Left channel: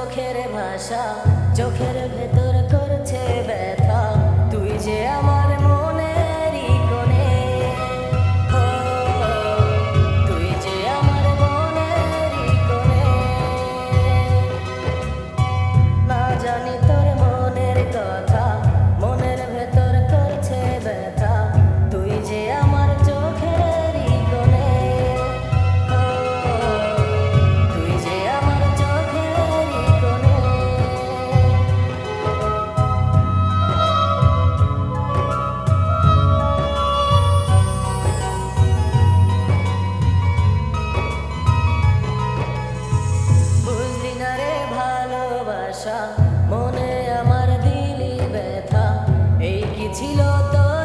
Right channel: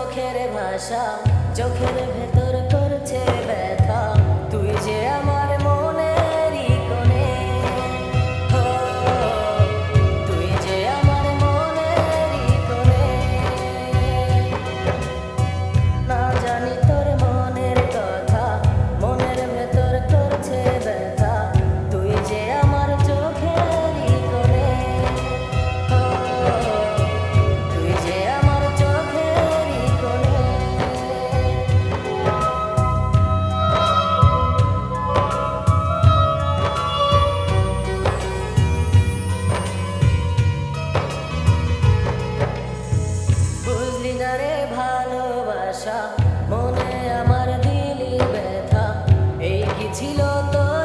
মুখের ভাষা চোখের ভেতর করছে ব্যথা। তুই যে আমার না ভালোবাসা মনে আমার দিলি ব্যথা। এই কি ছিল তোরই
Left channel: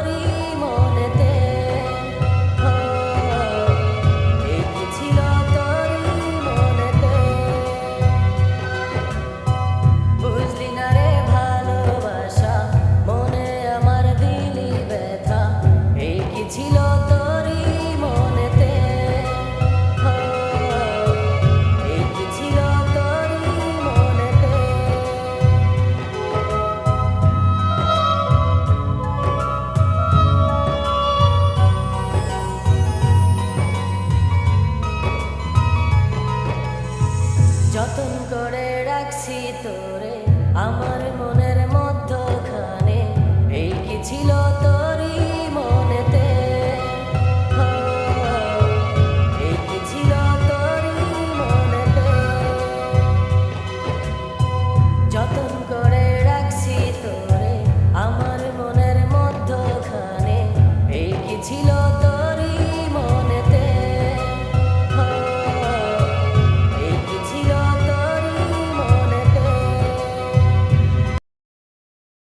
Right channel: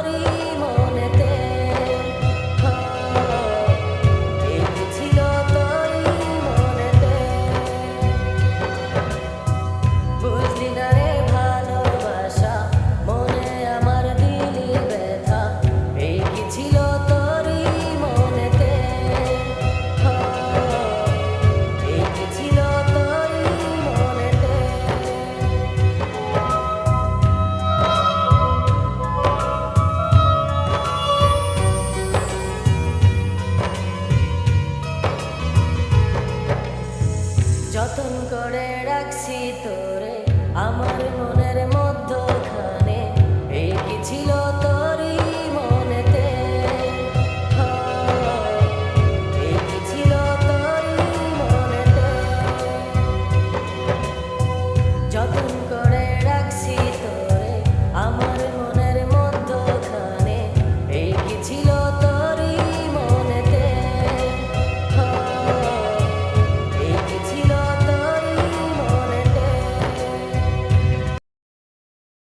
যতন করে রাখছি তোরে, আমার মনের মধ্যখানে। এই কি ছিল তোরই মনেতে? এই কি ছিল তোরই মনেতে? যতন আমার মনের মধ্যখানে। এই কি ছিল